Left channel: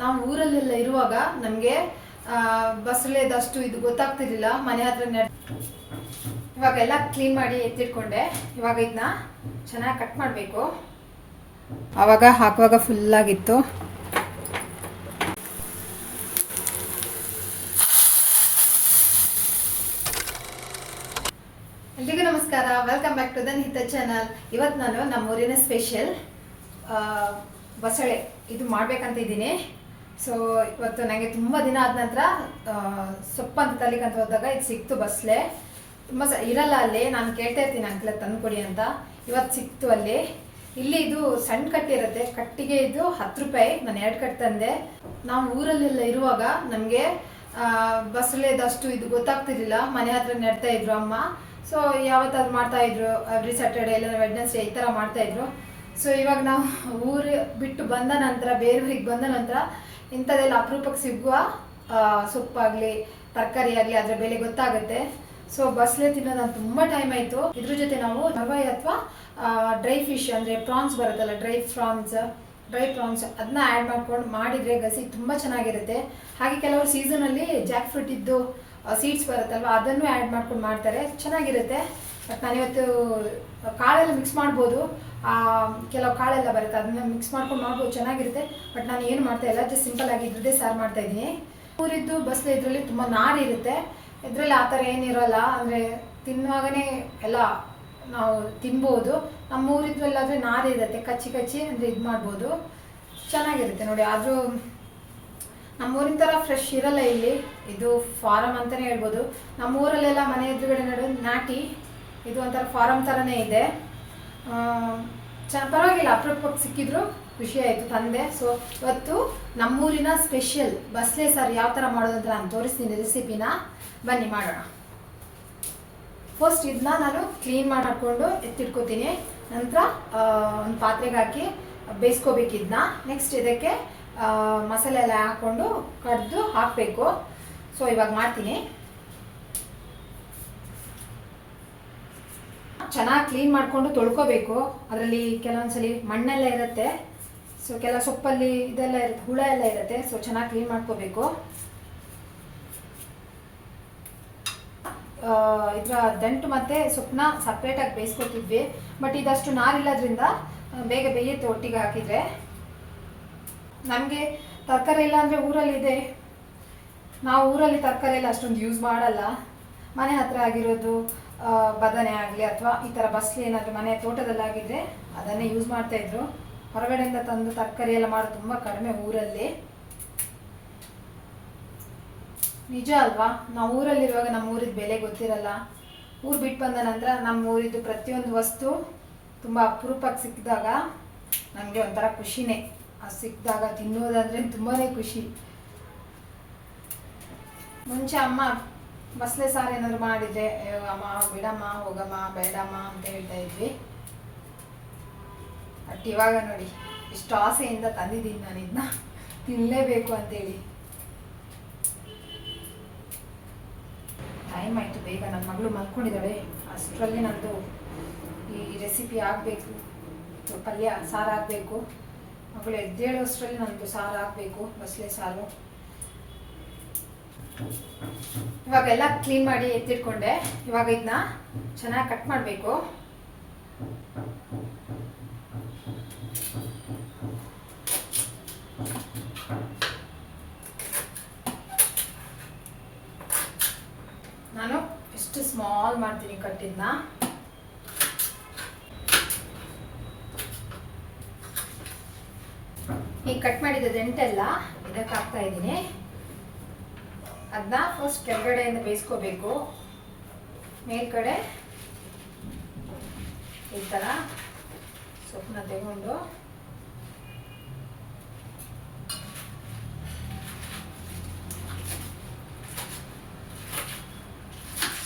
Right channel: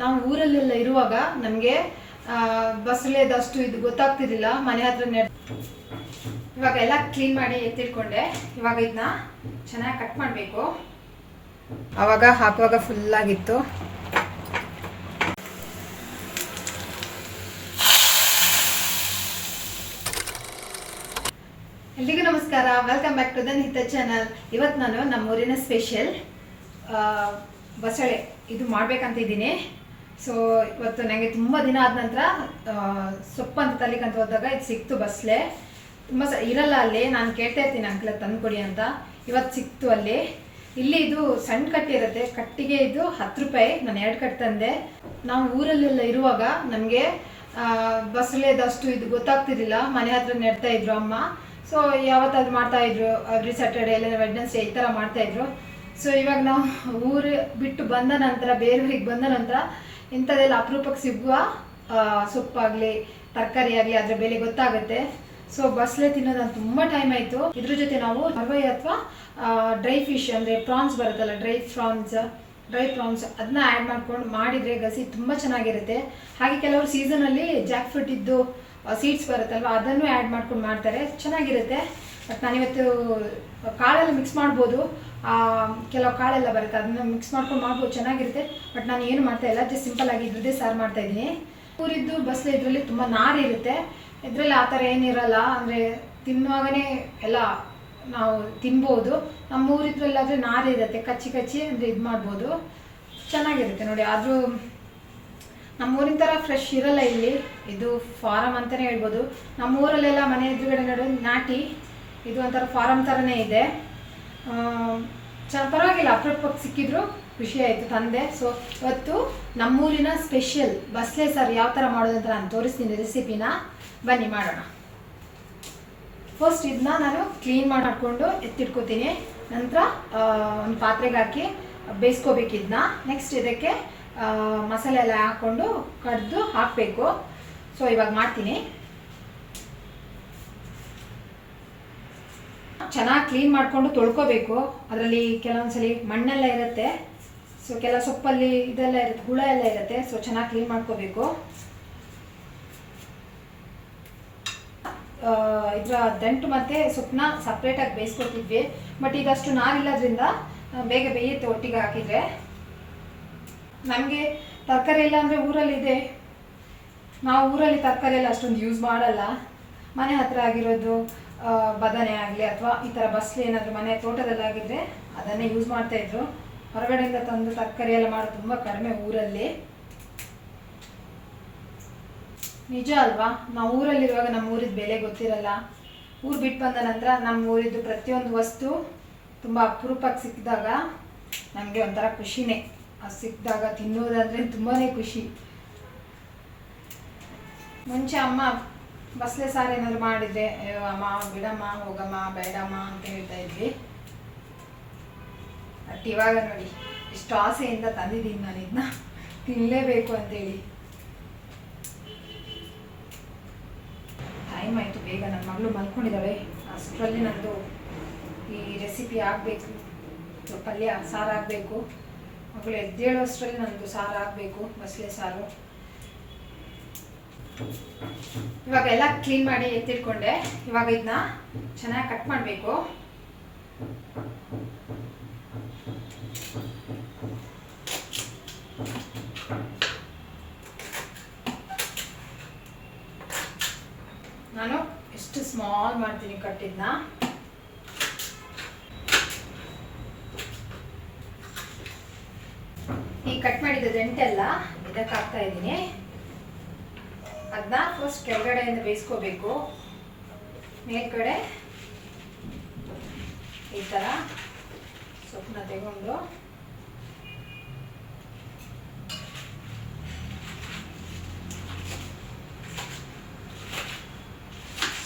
ನಾವು ಊರಲ್ಲೆಲ್ಲ ಇರುವಾಗ ನಮಗೆ ಬಸಳೆದಷ್ಟು ಇದು ಗೊತ್ತಾಗ್ತಿರ್ಲಿಲ್ಲ. ಮನೆ ಹತ್ರ ಇವಾಗೆಲ್ಲ ಕ್ಲೀನ್ ಮಾಡಿ ಎತ್ತಿಟ್ಕೊಂಡೆ. ಇವಾಗ ಇದನ್ನ ಚೆನ್ನಾಗಿ ಕಟ್ ಮಾಡಬೇಕು. ಆವಾಗ ಹಾಕುವಾಗ ಫುಲ್ ಆಗಿತ್ತು. ಎಲ್ರಿಗೂ ನಮಸ್ಕಾರ, welcome back to the Nihitha channel. ಇವತ್ತು ನಾನು ನಮ್ಮೂರಿನ ಸ್ಪೆಷಲ್ ಬಸಳೆ ಇದು ಮಾಡ್ಬೇಕಂತ ಇದ್ದೀನಿ. ಸೊ ಇವತ್ತು ನನಗೆ ತುಂಬ ದಿನ ಆದ ನಂತರ ಸೊಪ್ಪು ಅಂತ ತಲಿಕಂತ ಹೋದಾಗ ಇದು ಸಿಕ್ತು. ಬಸಳೆ ತುಂಬ ಇರಲ್ಲ ಅಲ್ಲಿ. ನಾನು ಕೇಳ್ತಾ ಇರ್ತೀನಿ ಅಂಕಲ್ ತಂದುಕೊಡಿ ಅಂತ. ಇವತ್ತು ಸಿಕ್ತು ಅಲ್ಲಿ. ಇಲ್ಲಿ ಇದು ಸಣ್ಣ ಕಟ್ಟಿ ಇರುತ್ತೆ. ಕಟ್ಟಿಗೆ ಇದು 10 ರೂಪಾಯಿ. ನಾನು 2 ಕಟ್ ತಂದೆ. ನಾವು ಊರಲ್ಲೆಲ್ಲ ಇರುವಾಗ ನಮಗೆ ಬಸಳೆದಷ್ಟು ಇದು ಗೊತ್ತಾಗ್ತಿರ್ಲಿಲ್ಲ. ಮನೆ ಹತ್ರ ನೆಡ್ತಾ ಇದ್ರು ಅಮ್ಮ. ಸೊ ಯಾವತ್ತಾದ್ರು ಮಾಡ್ತಾ ಇದ್ರು, ಎವ್ರಿ ಸ್ಯಾಟರ್ಡೇ ಇಲ್ಲ ವೆಡ್ನೆಸ್ಡೇ ಈ ಥರ ಮಾಡ್ತಾ ಇದ್ರು. ಸೊ ಇವಾಗ ನಾವು ಊರು ಬಿಟ್ಟು ಬಂದ ನಂತರ, ಬೇರೆ ಊರಿಗೆ ಬಂದ ನಂತರ ಇಂಥದ್ದೆಲ್ಲ ಅಪರೂಪಕ್ಕೆ ಸಿಗುವ ಸೊಪ್ಪಾಗಲಿ ತರಕಾರಿ ಆಗಲಿ ಅದರ ಬೆಲೆ ಗೊತ್ತಾಗುತ್ತೆ. ಸೊ ಬಸಳೆ ತಿನ್ನೋದು ನಾನು ತುಂಬ ಟೈಮ್ ಆಯಿತು. ಇದ್ರ ಜೊತೆ ನಾವು ಹರ್ವಾಯಿ ಅಥವಾ ಡ್ರೈ ಫಿಶ್ ಅಂದರೆ ಪ್ರಾನ್ಸ್ ಬರುತ್ತಲ್ಲ, ಡ್ರೈ ಪ್ರಾನ್ಸ್ ಅದನ್ನ ಆ್ಯಡ್ ಮಾಡ್ಕೊಂಡು ಮಾಡಿದರೆ ಗಸಿ ತುಂಬ ಚೆನ್ನಾಗಿರುತ್ತೆ. ಹಾಗೆ ಕೆಲವರು ಸೀಸನಲ್ಲಿ ಜಾಕ್ ಫ್ರೂಟ್ ಇದ್ದು ಸೀಡ್ಸ್ ಬರುತ್ತಲ್ವ, ಅದನ್ನು ಆ್ಯಡ್ ಮಾಡ್ಕೊಂಡು ಮಾಡ್ತಾರೆ, ಚೆನ್ನಾಗಿರುತ್ತೆ. ಬಟ್ ನಾನಿವತ್ತು ಕಾಳೆಲ್ಲ ಮಿಕ್ಸ್ ಮಾಡ್ಬೋದು. ಕೆಲವು ಕಾಳೆಲ್ಲ ಬರುತ್ತೆ, ಅದನ್ನ ಮಿಕ್ಸ್ ಮಾಡ್ಕೊಂಡು ಮಾಡ್ಬೋದು, ಚೆನ್ನಾಗಿರುತ್ತೆ. ಬಟ್ ನಾನು ಏನು ಮಾಡ್ತಾ ಇಲ್ಲ, ಜಸ್ಟ್ ಸಿಂಪಲ್ ಆಗಿ ಇದ್ರದ್ದೇ ಸಾರು ಮಾಡ್ತಾ ಇದ್ದೀನಿ. ಊರಿದ್ದು ಬಸಳೆ ಇದರಲ್ಲಿ ತುಂಬ ನಾರು ಇರುತ್ತೆ. ಇದರಲ್ಲಿ ಆ ಥರ ಏನಿರಲ್ಲ. ಅಂದರೆ ತಿನ್ನುವಾಗನೇ ಎಲ್ಲ ನಾವು ತಿನ್ಬೋದು. ನಮ್ಮ ಊರಿದ್ರಲ್ಲಾದರೆ ನಾರು ಇರುತ್ತೆ, ಕಚ್ಚಿ ಅಂದರೆ ಇದು ಮಾಡ್ಬೋದು, ಚೆನ್ನಾಗಿರುತ್ತೆ ನೋಡಿ. ಆದರೂ ನಮ್ಮೂರಿನ ಥರ ಫ್ರೆಶ್ ಇರಲ್ಲ ಇಲ್ಲಿ. ಇದು ಫಾರಮ್ ಅಂತಲೇ ಹೇಳ್ಬೋದು. ನಮ್ಮೂರಲ್ಲೆಲ್ಲ ಮನೆ ಎದುರುಗಡೆ ನಡುವೆ ನಾಟಿ, ಇದು ಒಂಥರ ಫಾರಮ್ ಥರನೇ ಇದೆ. ಪರವಾಗಿಲ್ಲ, ಅಪರೂಪಕ್ಕೆ ಸಿಕ್ಕಿದ್ರು ಖುಷಿ ಆಯಿತು, ತಂದೆ. ಸೊ ಇವತ್ತು ನಮ್ಮೂರಿನ ಸ್ಪೆಷಲ್ ಬಸಳೆ ಸಾರು ಯಾವ ಥರ ಮಾಡೋದು ಅಂತ ನಾನು ತೋರಿಸ್ತೀನಿ ರೆಸಿಪಿನ. ಬನ್ನಿ ಮಾಡೋಣ. ಫಸ್ಟ್ ಇದನ್ನ ನಾನು ಕ್ಲೀನ್ ಮಾಡ್ಕೊಂಡು ಎತ್ತಿಟ್ಕೋತೀನಿ. ನಂತರ ಒಂದು ಪಾತ್ರೆಗೆ ಹಾಕಿ ಬೇಯಿಸ್ಕೋಬೇಕು ಇದನ್ನ. ನೆಕ್ಸ್ಟ್ ಇದಕ್ಕೆ ಮಸಾಲೆ ಎಲ್ಲ ಹಾಕ್ಕೊಂಡು ಕಡ್ದು ಹಾಕಬೇಕು. ಸೊ ಇವಾಗ ಮಾಡ್ತೀನಿ. ಚೆನ್ನಾಗಿ ಕ್ಲೀನ್ ಮಾಡಿಕೊಂಡು ತೊಳ್ಕೊಬೇಕು. ಅದರಲ್ಲಿ ಕೆಲವೊಂದ್ಸಲಿ ಮಣ್ಣೆಲ್ಲ ಇರುತ್ತೆ. ಸೊ ಕೆಲ ಸೊಪ್ಪಲ್ಲಿ ಇದೆಲ್ಲ ಇರುತ್ತೆ, ಹುಳ ಎಲ್ಲ ಇರುತ್ತೆ. ಸೊ ಚೆನ್ನಾಗಿ ಕ್ಲೀನ್ ಮಾಡ್ಕೋಬೇಕು. ಇದರ ದಂಟು ಮತ್ತು ಸೊಪ್ಪನ್ನ ಸಪ್ರೇಟಾಗಿ ಬೇಯಿಸ್ಕೊತಿದ್ವಿ. ಬಟ್ ಇದಷ್ಟು ನಾರಿಲ್ಲದ್ರಿಂದ ಬೇಗ ಬೇಯುತ್ತೆ ಒಟ್ಟಿಗೆ ಹಾಕಿದರೆ. ನಮಗೆ ತರಕಾರಿ ಎಲ್ಲ ಅಂದರೆ ಊರಲ್ಲಿದೆ. ನಾವು ಊರಲ್ಲಿ ತರಕಾರಿ ಎಲ್ಲ ಅಷ್ಟೊಂದು ಯೂಸ್ ಮಾಡಲ್ಲ. ಮನೆ ಹತ್ರ ಆಗಿರೋದು ಬದನೆ ಆಗಲಿ ಅಥವಾ ಈ ಥರ ಬಸಳೆ ಏನಾದರೂ ಮನೆ ತೋಟದಲ್ಲಾಗಿದ್ದರೆ ಅದನ್ನೇ ಯೂಸ್ ಮಾಡ್ತಾಯಿದ್ರು. ಹೊರಗಡೆಯಿಂದ ತಂದು ತರಕಾರಿ ಎಲ್ಲ ಮಾಡೋದು ತುಂಬ ಕಡಿಮೆ ಊರಲ್ಲಿ. ನಿಜ ಅಲ್ವಾ? ನಾವು ಊರಲ್ಲಿರುವಾಗ ನಮ್ಮ ಊರಿದ್ದು ಬೆಲೆ ಗೊತ್ತಿರಲ್ಲ. ಊರು ಬಿಟ್ಟು ಬಂದ ನಂತರ ನಮ್ಮ ಊರಿದ್ದು ಪ್ರತಿಯೊಂದು ವಸ್ತು ತುಂಬ ಅಪರೂಪಕ್ಕೆ ಸಿಕ್ಕಿದಾಗ ನಮಗೆ ಒಂಥರ ಖುಷಿನೇ. ಅದು ಸಿಕ್ಕಿದಾಗ ತಿನ್ನೋದಂದರೆ ತುಂಬಾ ಖುಷಿ. ಮುಂಚೆ ಅಮ್ಮ ಬಸಳೆ ಸಾರು ಏನಾದ್ರು ಮಾಡಿದರೆ ಅಮ್ಮ ಬಿಡಮ್ಮ, ಹೋಗಮ್ಮ, ಬೇಡಮ್ಮ ಅಂತ ಹೇಳ್ತಾ ಇದ್ವಿ. ಬಟ್ ಇವಾಗ ನೋಡಿ ಎಷ್ಟು ಆಸೆಯಿಂದ ತಂದಿದ್ದೀನಿ ನಾನು ಇದನ್ನ, ತಿನ್ನಲೇಬೇಕು ಅಂತೇಳಿ. ಟೈಮ್ ಆಯಿತು ಬೇಗ. ನನ್ನ ಮಗಳು ಮಲ್ಕೊಂಡಿದ್ದಾಳೆ. ಅಷ್ಟರಲ್ಲಿ ನಂದು ಈ ರೆಸಿಪಿ ಆಗಬೇಕು, ಪಲ್ಯ ಸಾರು ಆಗಬೇಕು. ಮಗಳು ಎದ್ದೇಳೋಷ್ಟರಲ್ಲಿ ನಂದು ಸಾರು ಆಗಬೇಕು, ಬಸಳೆ ಸಾರು. ಇವಾಗೆಲ್ಲ ಕ್ಲೀನ್ ಮಾಡಿ ಎತ್ತಿಟ್ಕೊಂಡೆ. ಇವಾಗ ಇದನ್ನ ಚೆನ್ನಾಗಿ ಕಟ್ ಮಾಡಬೇಕು. ನಾನು ಎಷ್ಟು ಸ್ಮಾಲ್ ಮಾಡ್ತೀನಿ ಕಟ್ಟಿದ್ನ. ಈ ಕಟ್ ಮಾಡಿದ ದಂಟೆಲ್ಲ ಇದಕ್ಕೆ ಹಾಕ್ತಾ ಇದ್ದೀನಿ. ಅದನ್ನ ಫಸ್ಟ್ ಕೆಳಗಡೆಯಿಂದ ಬೇಯಿಸ್ಕೋಬೇಕು. ಮೇಲ್ಗಡೆ ಈ ಥರ ಸೊಪ್ಪನ್ನ ತೆಗೊಂಡು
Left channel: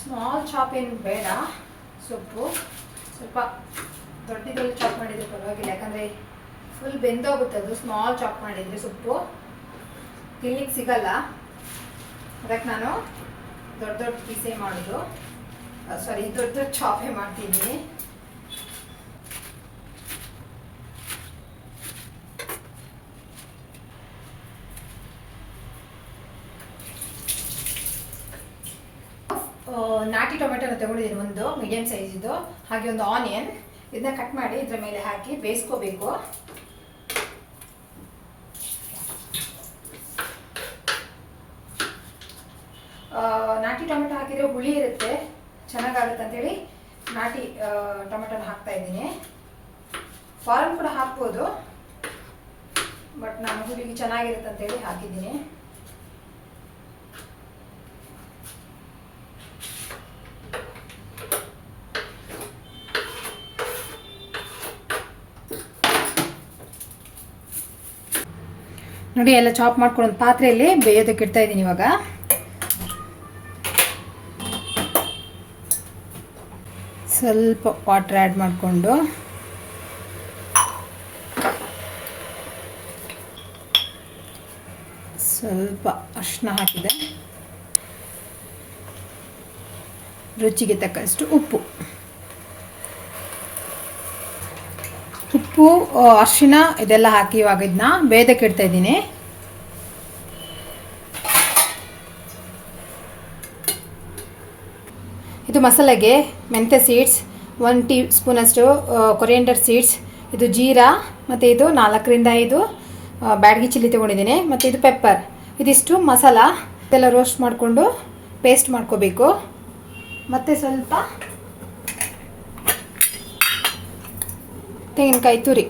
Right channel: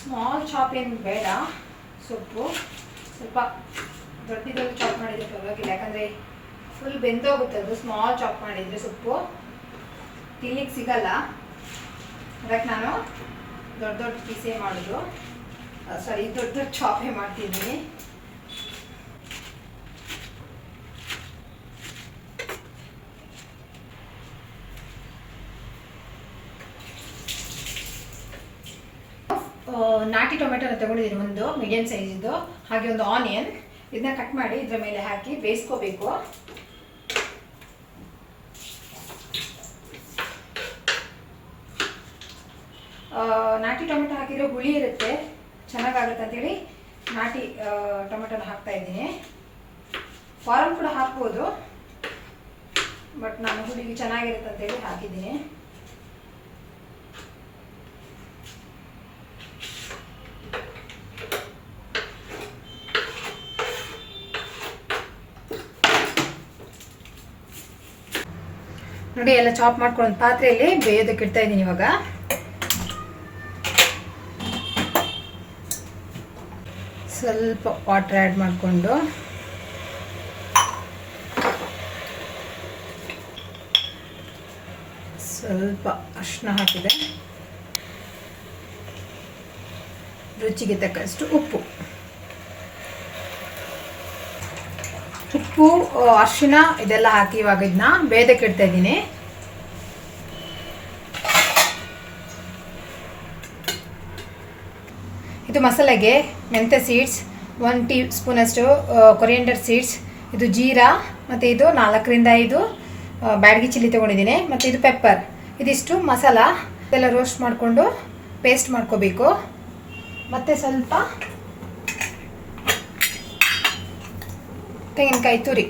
ಸ್ಮಾಲ್ ಚಾಪ್ ಏನು ಬೇಡ. ಸೊಪ್ಪು ಸ್ವಲ್ಪ ದೊಡ್ಡದಲ್ಲಿ ಚಾಪ್ ಮಾಡಿದರೆ ಪರವಾಗಿಲ್ಲ, ಯಾಕಂದರೆ ಫುಲ್ ಬೆಂದೋಗುತ್ತೆ ಅದು. ಸ್ಮಾಲ್ ಚಾಪ್ ಮಾಡಿದರೆ ಸೊಪ್ಪು ತಿನ್ಲಿಕ್ಕೆ ಸಿಗಲ್ಲ. ಅದಕ್ಕೆ ನಾನು ದೊಡ್ಡ ಪೀಸೇ ಮಾಡೋದು. ದೊಡ್ಡ ಚಾಪೇ ಮಾಡ್ತಿದ್ದೀನಿ. ನಾಟಿ ಟೊಮೆಟೊನ ತಗೊಂಡಿದ್ದೀನಿ, ಒಂದು ಮೀಡಿಯಂ ಸೈಜಿದ್ದು. ಹಾಗೆ ಒಂದು ಆನಿಯನ್, ಇದನ್ನ ಕಟ್ ಮಾಡಿ ಇದರ ಮೇಲೆ ಹಾಕಿ ಬೇಯಿಸ್ಕೋಬೇಕು. ನಾಟಿ ಟೊಮೆಟೊ ಹಾಕಿದರೆ ಹುಳಿ ಇರುತ್ತೆ, ಚೆನ್ನಾಗಾಗುತ್ತೆ ಅಂತೇಳಿ ನಾಟಿ ಟೊಮೆಟೊನ ಹಾಕ್ತಾ ಇದ್ದೀನಿ. ಫಾರಮ್ ಕೂಡ ಹಾಕ್ಬೋದು, ಬಟ್ ನಾನು ಹುಳಿಗೆ ಚೆನ್ನಾಗಿರುತ್ತೆ ಅಂತೇಳಿ ಹಾಕಿದ್ದೀನಿ. ನೋಡಿ, ಎಲ್ಲ ಚಾಪ್ ಮಾಡ್ಕೊಂಡು ಪಾತ್ರೆಯಲ್ಲಿ ಬೇಯೋದಕ್ಕೆ ಇಡ್ತಾ ಇದ್ದೀನಿ. ಇವಾಗ ಸ್ವಲ್ಪ ವಾಟರ್ ಆ್ಯಡ್ ಮಾಡಿಕೊಂಡು ಸ್ವಲ್ಪ ಅರಿಶಿನ ಹಾಕಿದೆ, ರುಚಿಗೆ ತಕ್ಕಷ್ಟು ಉಪ್ಪು, ಅರಿಶಿನ ಇದೆಲ್ಲ ಹಾಕಿ ಇವಾಗ ಇದನ್ನ ಬೇಯೋದಕ್ಕೆ ಇಡ್ತಾ ಇದ್ದೀನಿ. ಇದು ಮಸಾಲೆಗೆ ಮೆಂತ್ಯ ಸೀಡ್ಸ್, 1 ಟೀ ಸ್ಪೂನ್ ಅಷ್ಟು ಕೊರಿಯಂಡರ್ ಸೀಡ್ಸ್, ಇದು ಜೀರಾ, ಮತ್ತು ಇದು 4 ರಿಂದ 5 ಬ್ಯಾಡಗಿ ಚಿಲ್ಲಿ ತೊಗೊಂಡಿದ್ದೀನಿ, ಮತ್ತು ಇದು ಪೆಪ್ಪರ್. ಇದಿಷ್ಟು ಮಸಾಲ ಇದೆಲ್ಲ ರೋಸ್ಟ್ ಮಾಡಿಕೊಂಡು ಪೇಸ್ಟ್ ಮಾಡ್ಕೋಬೇಕು. ಮತ್ತು ಸ್ವಲ್ಪ ತೆಂಗಿನಕಾಯಿ ತುರಿ,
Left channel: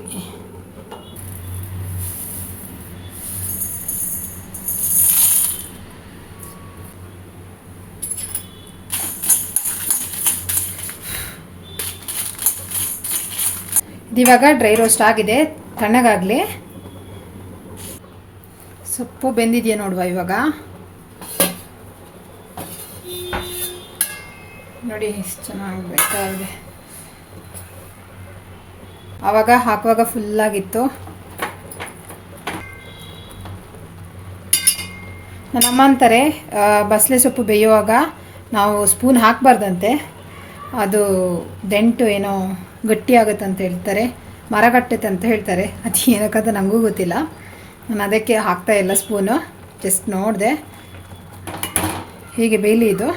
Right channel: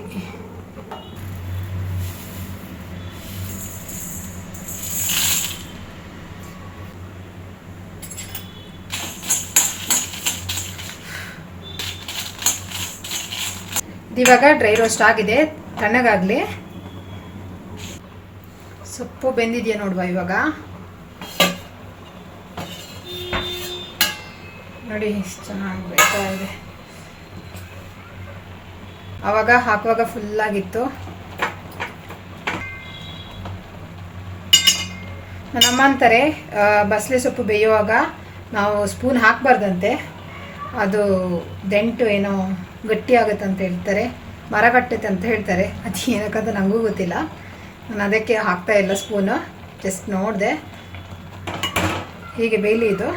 ಇದಿವಾಗ ಡ್ರೈ ರೋಸ್ಟ್ ಆಗಿದೆ, ತಣ್ಣಗಾಗಲಿ. ಸೊಪ್ಪು ಬೆಂದಿದೆಯಾ ನೋಡುವ ಇವಾಗ. ನೋಡಿ ಎಷ್ಟು ಚೆನ್ನಾಗಿ ಬೇಕಾಗಿದೆ. ಆವಾಗ ಹಾಕುವಾಗ ಫುಲ್ಲಾಗಿತ್ತು. ನನ್ನಮ್ಮ ಅಂತಾರೆ ಬಸಳೆ ಸೊಪ್ಪು ಬೇಯುವಾಗ ನಾವು ಸ್ಪೂನ್ ಹಾಕಬಾರ್ದಂತೆ, ಅದು ದಂಟು ಏನೋ ಗಟ್ಟಿ ಆಗುತ್ತೆ ಅಂತ ಹೇಳ್ತಾರೆ, ಮರ ಕಟ್ಟುತ್ತೆ ಅಂತ ಹೇಳ್ತಾರೆ. ಅದು ಏನಕ್ಕಂತ ನನಗೂ ಗೊತ್ತಿಲ್ಲ. ನಾನು ಅದಕ್ಕೆ ಹಾಕ್ತಾ ಇಲ್ಲ ಸ್ಪೂನು, ಜಸ್ಟ್ ನೋಡಿದೆ. ಹೀಗೆ ಬೇಯಲಿ ಇದು.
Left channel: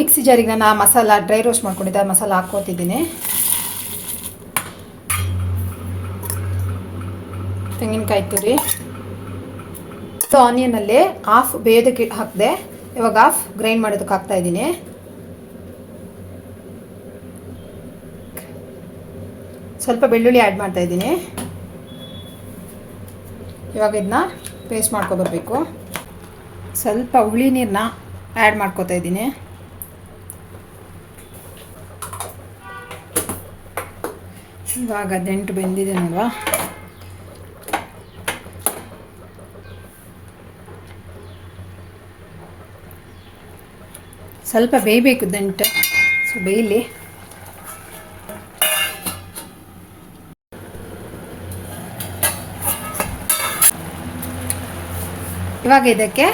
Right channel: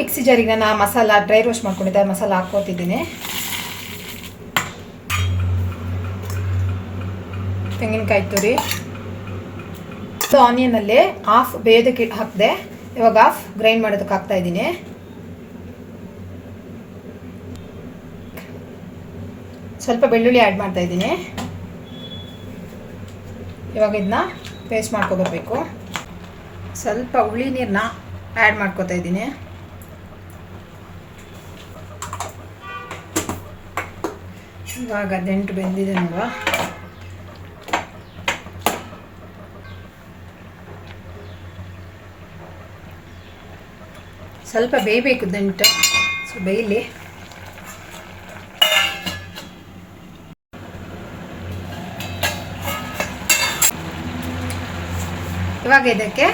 ಮಿಕ್ಸಿ ಜಾರಿಗೆ ನಾನು ಮಸಾಲ ಡ್ರೈ ರೋಸ್ಟ್ ಮಾಡ್ಕೊಂಡಿದ್ದೆ ಮಸಾಲ ಹಾಕ್ಕೋತಿದ್ದೀನಿ. ತೆಂಗಿನಕಾಯಿ ತುರಿ, ಆನಿಯನಲ್ಲಿ ಹಾಫ್ ಬೇಯೋದಕ್ಕೆ ಹಾಕಿದೆ, ಇವಾಗ ಹಾಫ್ ಗ್ರೈಂಡ್ ಮಾಡೋದಕ್ಕೆ ಹಾಕ್ತಾ ಇದ್ದೀನಿ. ಸ್ವಲ್ಪ ಬೆಳ್ಳುಳ್ಳಿ ಆ್ಯಡ್ ಮಾಡ್ತಾ ಇದ್ದೀನಿ. ಇವಾಗ ಇದನ್ನ ಪೇಸ್ಟ್ ಮಾಡ್ಕೊಬರ್ಬೇಕು. ಸ್ವಲ್ಪ ಹುಳಿ ನೀರನ್ನ ಆ್ಯಡ್ ಮಾಡ್ಕೊತಾ ಇದ್ದೀನಿ. ಇವಾಗ ದಂಟು ಬೆಂದಿದೆ ನೋಡುವ. ಸ್ವಲ್ಪ ಬೇಯಬೇಕು ದಂಟು, ಸೊ ಬೇಯಲಿ. ಇವಾಗ ಇದಕ್ಕೆ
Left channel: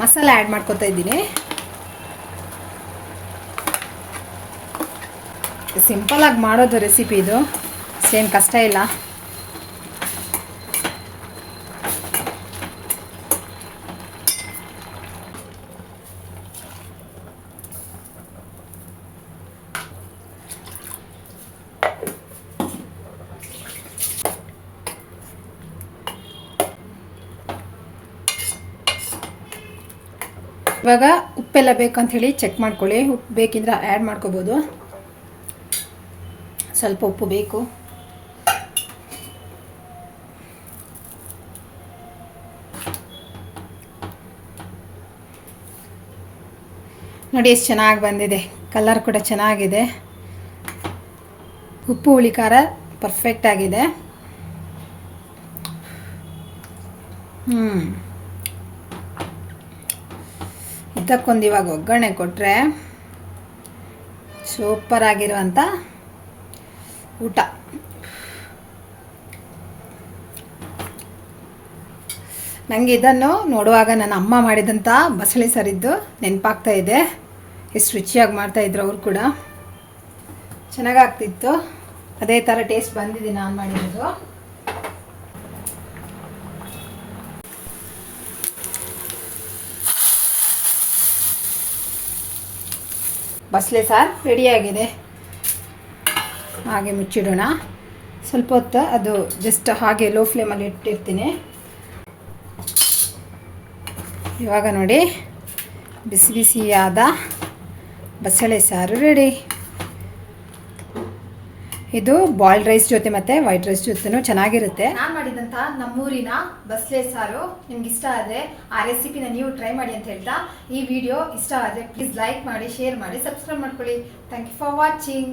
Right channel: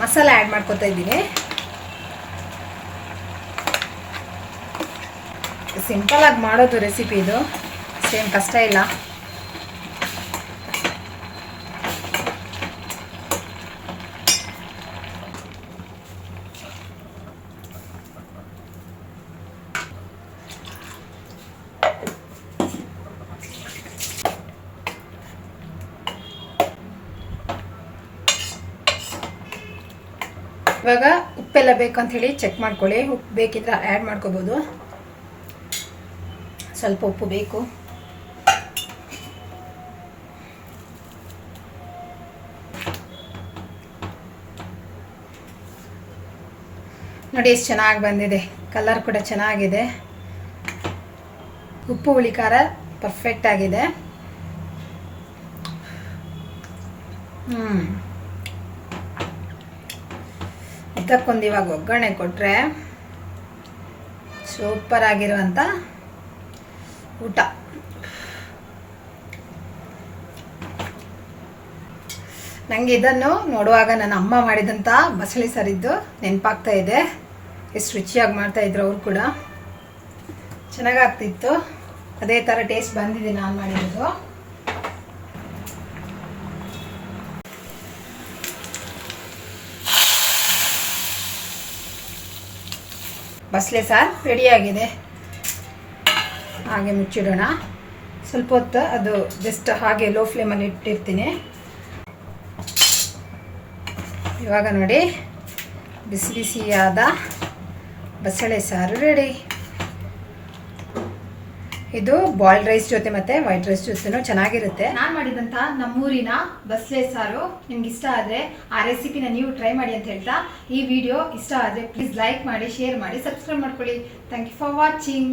ಮಸಾಲೆ ಆ್ಯಡ್ ಮಾಡ್ಕೊತಾ ಇದ್ದೀನಿ. ಸಿಂಪಲ್ ಆಗಿ ಮಾಡೋದು ರೆಸಿಪಿ ಇದು, ಅಷ್ಟೇನು ಕಷ್ಟ ಇಲ್ಲ. ಇವಾಗ ಉಪ್ಪೆಲ್ಲ ಬೇಕಂತ ಹೇಳಿ ಚೆಕ್ ಮಾಡ್ಕೊಳ್ಳಿ. ಉಪ್ಪು ಬೇಕಿದ್ರೆ ಆ್ಯಡ್ ಮಾಡ್ಕೋಬೋದು. ಸ್ವಲ್ಪ ಉಪ್ಪು ಬೇಕು. ನೋಡಿ ಎಷ್ಟು ಚೆನ್ನಾಗಿ ಬಂದಿದೆ, ಕಲರ್ ಕೂಡ ಚೆನ್ನಾಗಿದೆ. ಉಪ್ಪು ಹುಳಿ ಖಾರ ಪರ್ಫೆಕ್ಟ್ ಆಗಿದೆ. ಇದಕ್ಕೊಂದು ಇವಾಗ ಒಗ್ಗರಣೆ ಕೊಟ್ಟರೆ ಸೂಪರ್ ಆಗಿರುವಂಥ ಊಟ. ನನಗೆ ಇದನ್ನು ನೋಡುವಾಗ ನನ್ನ ಅಮ್ಮ ಮಾಡಿದಂಥ ಬಸಳೆ ಸಾರಿದ್ದು ನೆನಪಾಗ್ತಾ ಇದೆ. ಎಷ್ಟು ರುಚಿಯಾಗಿ ಮಾಡ್ತಾಯಿದ್ರು ಅವರು ಕೂಡ, ಚೆನ್ನಾಗಾಗ್ತಿತ್ತು. ಅದೇ ಥರ ಟೇಸ್ಟ್ ಬಂದಿದೆ ನಾನು ಮಾಡಿರೋದು. ಬಸಳೆ ಸಾರು ರೆಡಿಯಾಗಿದೆ. ಹಾಗೆ ಮುಚ್ಚಿಡೋಣ. ಸ್ವಲ್ಪ ಹೊತ್ತು ಅದು ಜಸ್ಟ್ ಹಾಗೆ ಲೋ ಫ್ಲೇಮಲ್ಲಿ ಇಟ್ಟಿರ್ತೀನಿ. ಇವಾಗ ನೋಡಿ ಬಿಸಿ ಬಿಸಿಯಾದ ಬಸಳೆ ಸಾರು ರೆಡಿ. ಇದು ಬಾಯ್ಲ್ಡ್ ರೈಸ್ ಜೊತೆ ಮತ್ತು ವೈಟ್ ರೈಸ್ ಜೊತೆನೂ ಚೆನ್ನಾಗಿರುತ್ತೆ. ನಾನು ಮಾಡಿದಂಥ ನಮ್ಮೂರಿನ ಬಸಳೆ ಸಾರು ನಿಮ್ಗೆ ಇಷ್ಟ ಆದರೆ ಆ ರೆಸಿಪಿನ ನೀವು ಟ್ರೈ ಮಾಡಿ ಅಂತ ಹೇಳ್ತಾ, ಈ ವಿಡಿಯೋ ಇಷ್ಟ ಆದರೆ ಪ್ಲೀಸ್ ಲೈಕ್ ಮಾಡಿ, ಶೇರ್ ಮಾಡಿ, ಸಬ್ಸ್ಕ್ರೈಬ್ ಮಾಡ್ಕೊಳ್ಳಿ. Thank you for watching.